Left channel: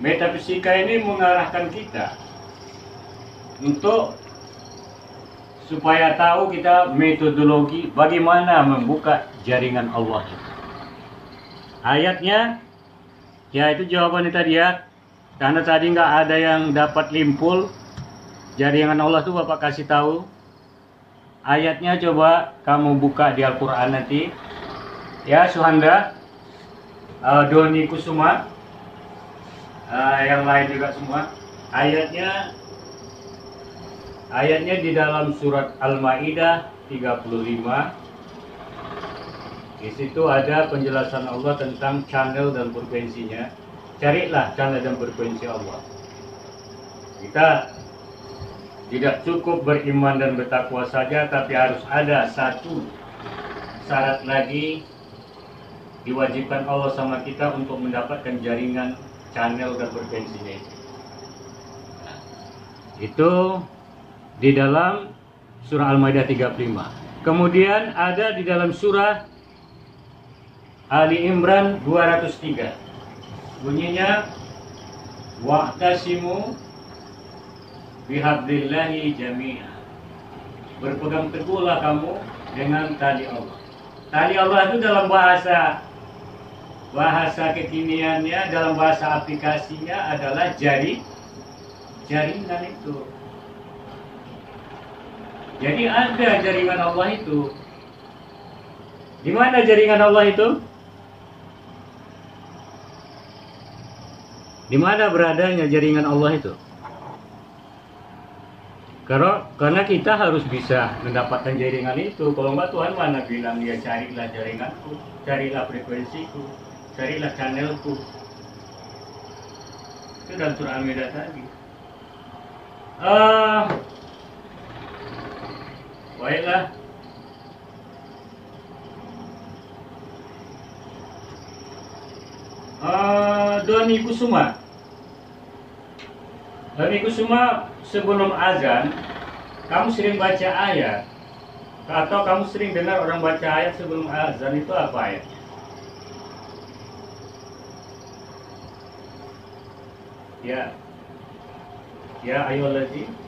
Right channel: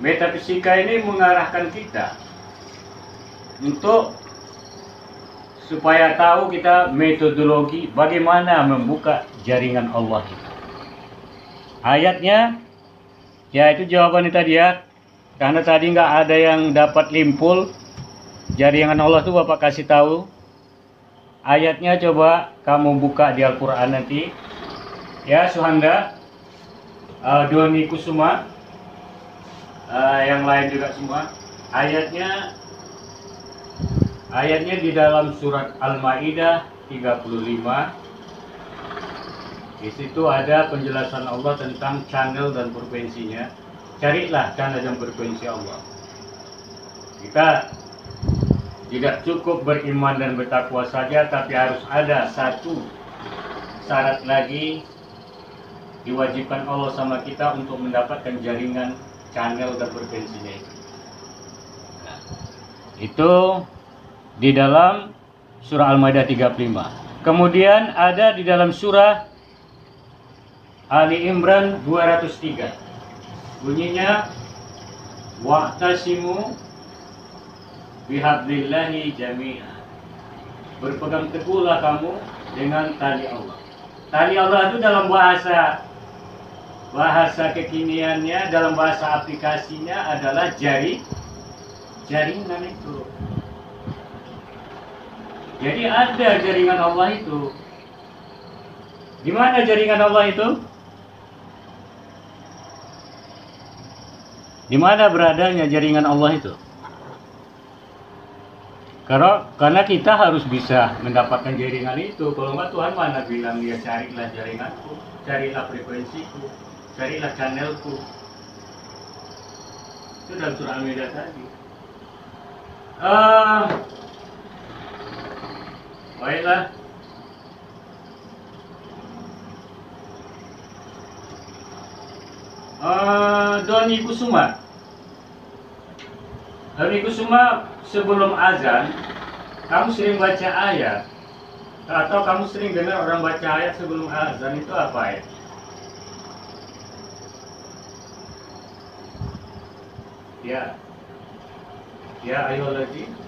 Metafisika ini mengarahkan kita untuk supaya tahu kita metodologi bagaimana membuka jaringan Allah. Ayatnya, ya itu jawabannya tadi ya. Karena tadi nggak ada yang dapat limpul jaringan Allah itu Bapak kasih tahu. Ayatnya coba kamu buka di Al-Quran nanti. Ya Suhanda, Doni Kusuma, yang lain juga semua. Ayatnya di dalam surat Al-Maidah 35. Di situ ada penjelasan Allah tentang channel dan frekuensinya. Carilah channel dan frekuensi Allah. Kita tidak cukup beriman dan bertakwa saja, tapi harus ada satu syarat lagi diwajibkan Allah sama kita untuk mendapatkan jaringan channel dan frekuensinya itu. Nah, itu di dalam surah Al-Maidah 35. Kemudian ada di dalam surah Ali Imran 203. Bunyinya wa'tasimu bihablillahi jami'a. Berpegang teguhlah kamu dengan tali Allah. Tali Allah itu dalam bahasa kekiniannya, dalam bahasa aplikasinya adalah jaringan itu. Jadi ada jaringan Allah itu. Di mana jaringan Allah itu? Di mana beradanya jaringan Allah itu? Karena kita harus bisa mendapatkan jaringan itu. Kalau enggak, Tuhan mana bilang dia carilah jaringanku, carilah frekuensiku, carilah channelku. Itu dalam surah Al-Maidah tadi. Baiklah. Doni Kusuma. Doni Kusuma, sebelum azan, kamu sering baca ayat, atau kamu sering dengar orang baca ayat sebelum azan, itu apa ayat? Ya ayyuhallazina.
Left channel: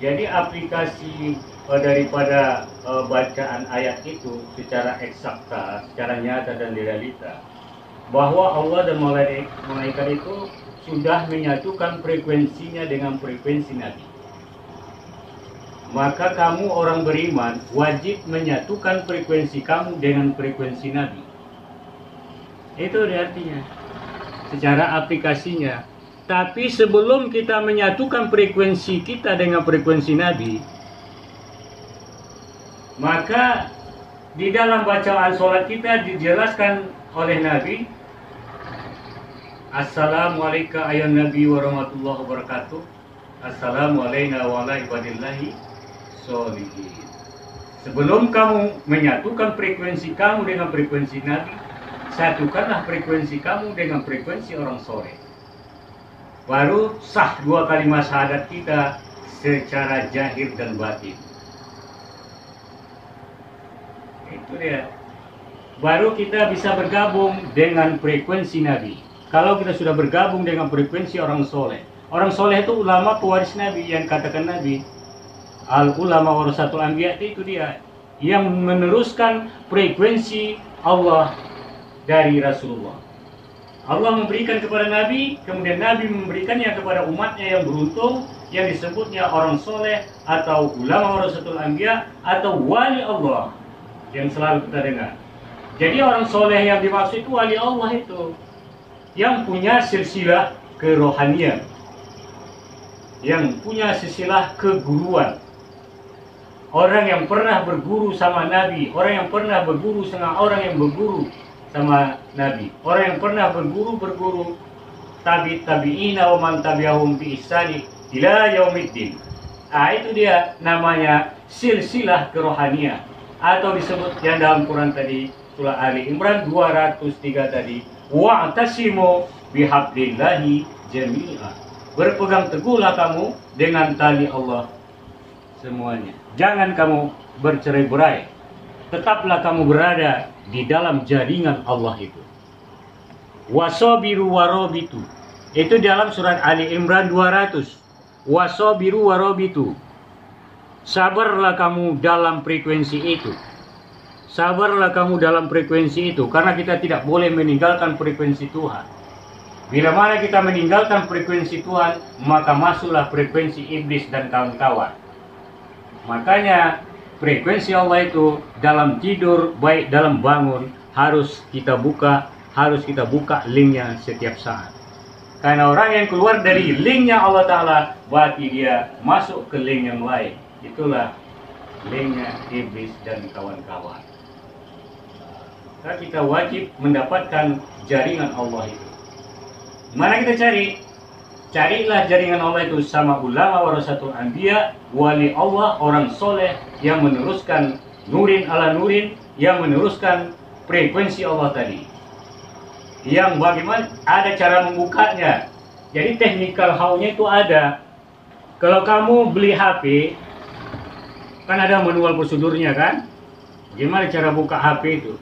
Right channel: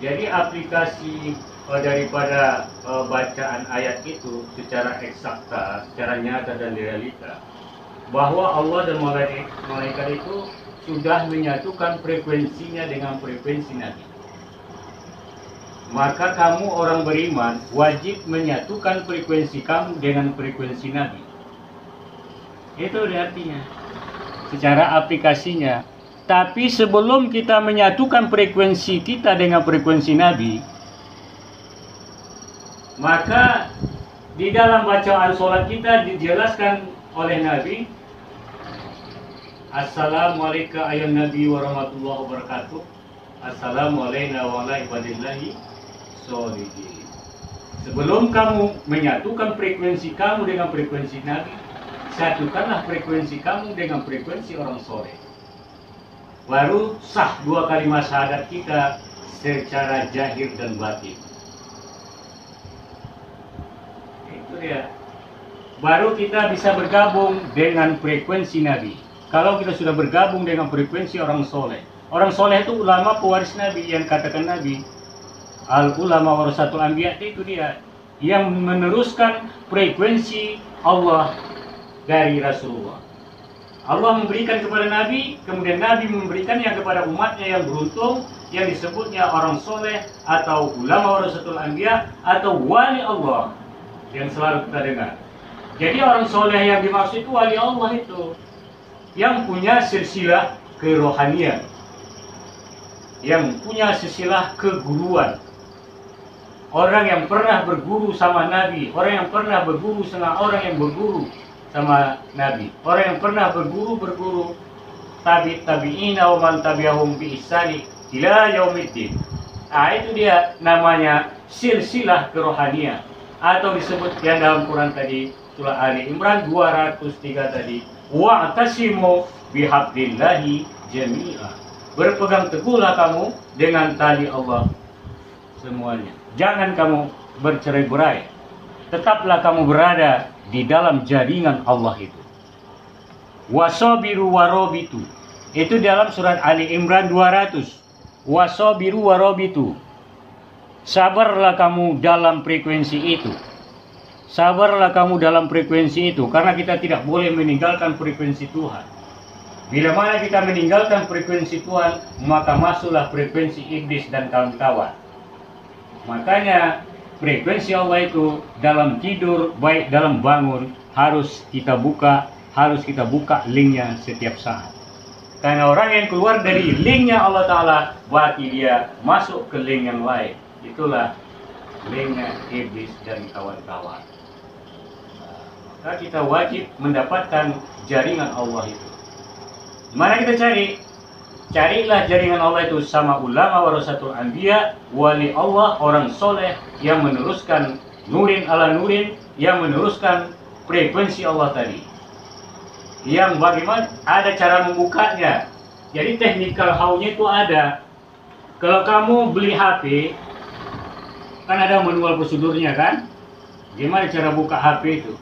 Jadi aplikasi daripada bacaan ayat itu secara eksakta, secara nyata dan realita, bahwa Allah dan malaikat itu sudah menyatukan frekuensinya dengan frekuensi Nabi. Maka kamu orang beriman wajib menyatukan frekuensi kamu dengan frekuensi Nabi. Itu artinya secara aplikasinya. Tapi sebelum kita menyatukan frekuensi kita dengan frekuensi Nabi, maka di dalam bacaan sholat kita dijelaskan oleh Nabi, Assalamualaikum ayat Nabi warahmatullahi wabarakatuh. Assalamualaikum warahmatullahi wabarakatuh. Sebelum kamu menyatukan frekuensi kamu dengan frekuensi Nabi, satukanlah frekuensi kamu dengan frekuensi orang soleh. Baru sah dua kalimat syahadat kita secara zahir dan batin. Itu dia. Baru kita bisa bergabung dengan frekuensi Nabi. Kalau kita sudah bergabung dengan frekuensi orang soleh. Orang soleh itu ulama pewaris Nabi, yang katakan Nabi. Al-ulama warasatul anbiya, itu dia. Yang meneruskan frekuensi Allah dari Rasulullah. Allah memberikan kepada Nabi, kemudian Nabi memberikannya kepada umatnya yang beruntung, yang disebutnya orang soleh, atau ulama warasatul anbiya, atau wali Allah, yang selalu kita dengar. Jadi orang soleh yang dimaksud itu wali Allah itu, yang punya silsilah kerohanian, yang punya silsilah keguruan. Orang yang pernah berguru sama Nabi, orang yang pernah berguru sama orang yang berguru sama Nabi, orang yang pernah berguru tabi'ina wa man tabi'ahum bi ihsani ila yaumiddin. Itu dia namanya silsilah kerohanian, atau disebut yang dalam Quran tadi surah Ali Imran 203 tadi, wa'tasimu bihablillahi jami'a. Berpegang teguhlah kamu dengan tali Allah semuanya. Jangan kamu bercerai-berai. tetaplah kamu berada di dalam jaringan Allah itu. Wasobiru warobitu, itu dalam surat Ali Imran 200. Wasobiru warobitu, sabarlah kamu dalam frekuensi itu. Sabarlah kamu dalam frekuensi itu, karena kita tidak boleh meninggalkan frekuensi Tuhan. Bila mana kita meninggalkan frekuensi Tuhan, maka masuklah frekuensi iblis dan kawan-kawan. Makanya frekuensi Allah itu dalam tidur, baik dalam bangun, harus kita buka linknya setiap saat. Karena orang yang keluar dari linknya Allah Ta'ala, berarti dia masuk ke link yang lain. Itulah linknya iblis dan kawan-kawan. Maka kita wajib mendapatkan jaringan Allah itu. Mana kita cari? Carilah jaringan Allah itu sama ulama warasatul anbiya, wali Allah, orang soleh yang meneruskan nurin ala nurin, yang meneruskan frekuensi Allah tadi. Yang bagaimana ada cara membukanya. Jadi technical how-nya itu ada. Kalau kamu beli HP, kan ada manual prosedurnya kan? Gimana cara buka HP itu?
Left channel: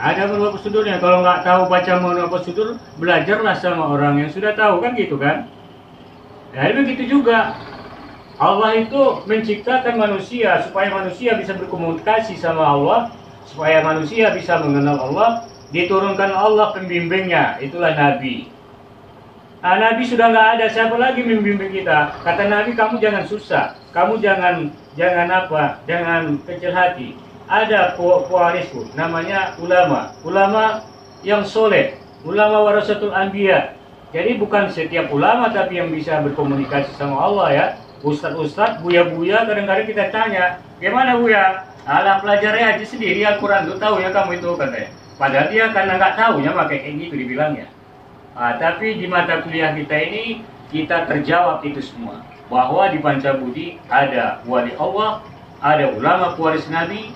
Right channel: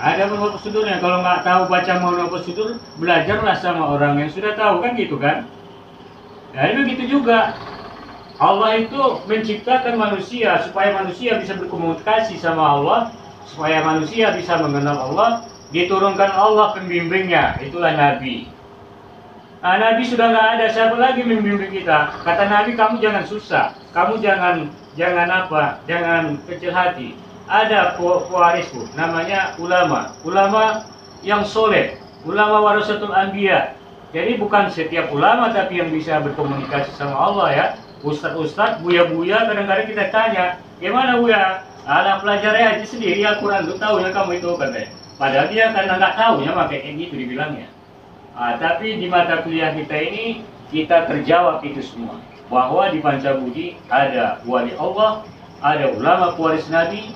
Ada manual prosedurnya. Kalau nggak tahu baca manual prosedur, belajarlah sama orang yang sudah tahu, kan gitu kan? Jadi begitu juga. Allah itu menciptakan manusia supaya manusia bisa berkomunikasi sama Allah, supaya manusia bisa mengenal Allah. Diturunkan Allah pembimbingnya, itulah Nabi. Nah, Nabi sudah nggak ada, siapa lagi membimbing kita? Kata Nabi, kamu jangan susah, kamu jangan kecil hati. Ada pewarisku, namanya ulama yang soleh, ulama warasatul anbiya. Jadi bukan setiap ulama tapi yang bisa berkomunikasi sama Allah ya. Ustadz, buya-buya kadang-kadang kita tanya, gimana buya? Alah pelajari aja sendiri Al-Quran, tuh tahu ya kamu itu katanya. Padahal dia karena nggak tahu ya, makanya kayak gitu dibilangnya. Tapi di mata kuliah kita ini, kita terjawab itu semua. Bahwa di Pancabudi ada wali Allah, ada ulama pewaris Nabi,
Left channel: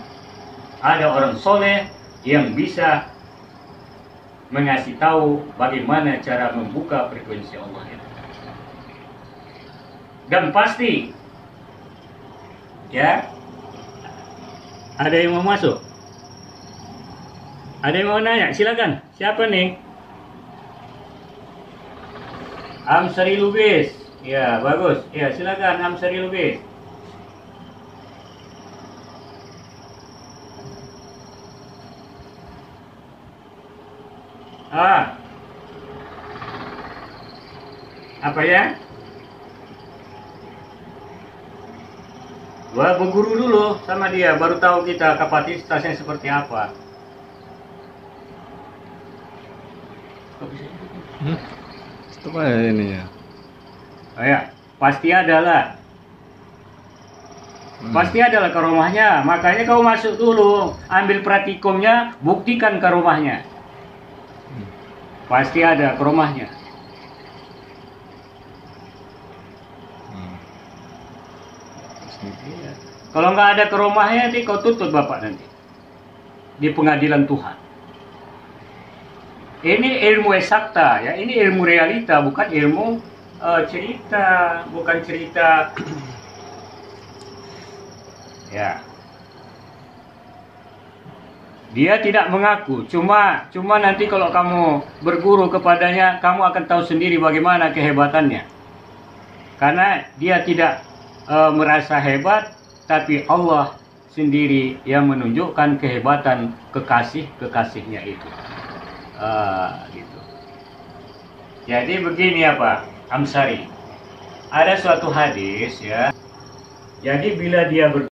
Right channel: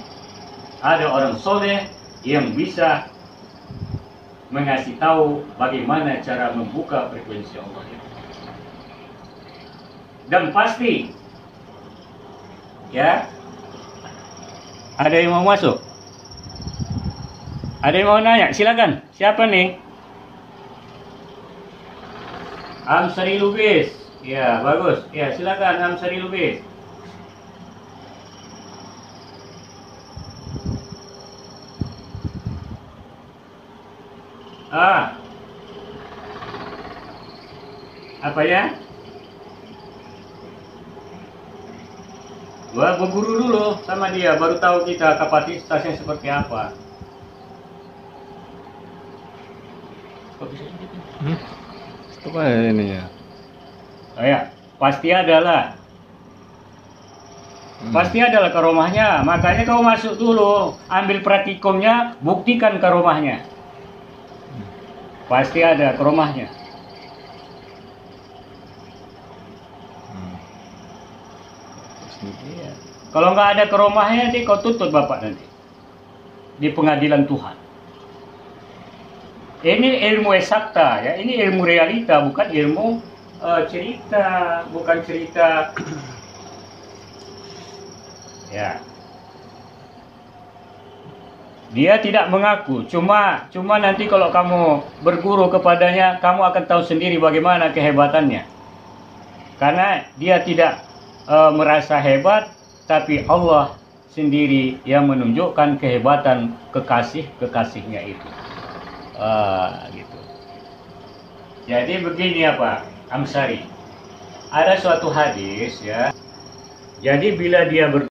ada orang soleh yang bisa mengasih tahu bagaimana cara membuka frekuensi Allah itu. Dan pasti, ya, ada yang mau masuk? Ada yang mau nanya? Silakan. Siapa nih? Amsari Lubis. Ya, bagus. Ya, silakan Amsari Lubis. Apa ya? Wah, berguru dulu sama dia, baru tahu kita kapasitasnya seperti apa. Apa ini ya? Oh ya, pasti adalah. Pasti adalah karomahnya. Makanya kau masuk dulu, ambil praktikumnya, buktikan karomahnya. Pasti ada karomahnya. Iya. Kalau nggak ada karomahnya, nanti kau tuntut bapak nanti di pengadilan Tuhan. Ini ilmu eksakta ya, ini ilmu realita, bukan ilmu cerita, bukan cerita. Ya. Dia tidak mengaku, cuma nanti kalau kamu berguru kepadanya, kamu akan tahu sendiri bagaimana kehebatannya. Karena dia tidak merasa hebat, tapi Allah sendiri yang menunjukkan kehebatan kekasih-kekasihnya itu. Gitu. Jadi begini apa, Amsari. Ada suatu hadis ya. Jadi bila dia